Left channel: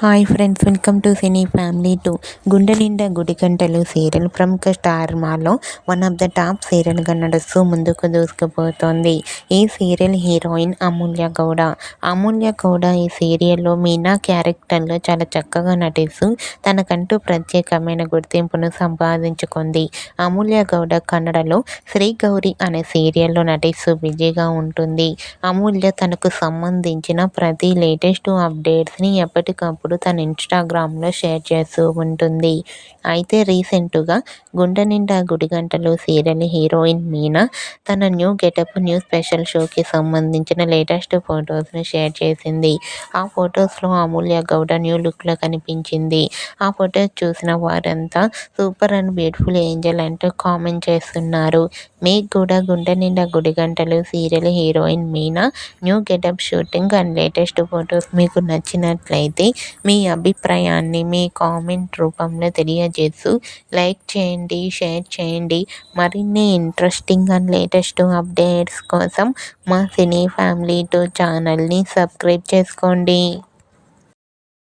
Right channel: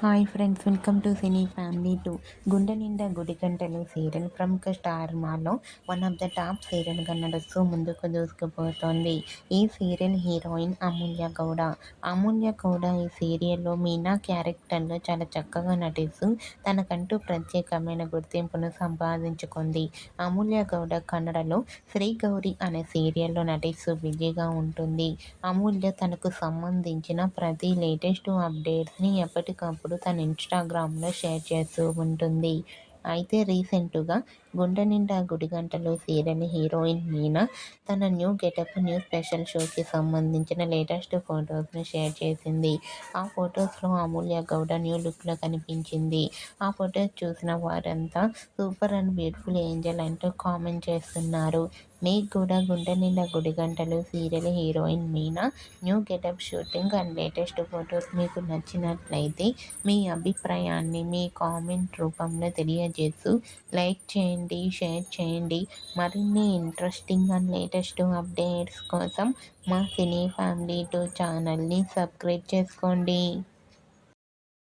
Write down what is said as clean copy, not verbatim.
Hi friends, welcome to cine family two. గుండె Ninda Gudigantalu serial ప్రముఖ star మాలో వన్ ఆఫ్ ద టాప్ సీరియల్గా నడుస్తూ ముందుకు దూసుకుపోతోంది. ఈ సీరియల్ హీరోయిన్ అమూల్య గౌడ. అమూల్య గౌడ ఈ సీరియల్లో మీనా క్యారెక్టర్లో చాలా చక్కగా నటిస్తూ తనకంటూ ప్రత్యేకమైన గుర్తింపును సంపాదించుకుంది. అమూల్య గౌడ కన్నడలో శ్రీ గౌరి అనే సీరియల్లో నటిస్తూ బిజీగా ఉంటుంది. అమూల్య తనకు సంబంధించిన ప్రతి లేటెస్ట్ అప్డేట్స్ని ఎప్పటికప్పుడు తన ఇన్స్టాగ్రామ్లో షేర్ చేస్తూ ఉంటుంది. అయితే రీసెంట్గా గుండె నిండా గుడిగంటలు సీరియల్ హీరోయిన్ మీనా తన న్యూ గెటప్, న్యూ స్పెషల్ షోకి సంబంధించిన లేటెస్ట్ ఫొటోస్ని షేర్ చేసింది. ఆ ఫొటోస్లో అమూల్య గౌడ న్యూ లుక్లో కనిపించింది. ఆ ఫొటోస్ చూసిన వారంతా సూపర్ అండ్ బ్యూటిఫుల్ ఏంజల్ అంటూ కామెంట్ చేస్తున్నారు. మీకు కూడా Gunde Ninda Gudigantalu serial heroine Meena new getup, shooting and latest photos మీకు నచ్చినట్లయితే మీ అభిప్రాయాన్ని మీ కామెంట్ రూపంలో తెలియజేస్తూ లైక్ చేయండి, షేర్ చేయండి. మరిన్ని ఇంట్రెస్టింగ్ అండ్ లేటెస్ట్ అప్డేట్స్ కోసం మా సినీ ఫ్యామిలీ టూ ఛానల్ని సబ్స్క్రైబ్ చేసుకోండి.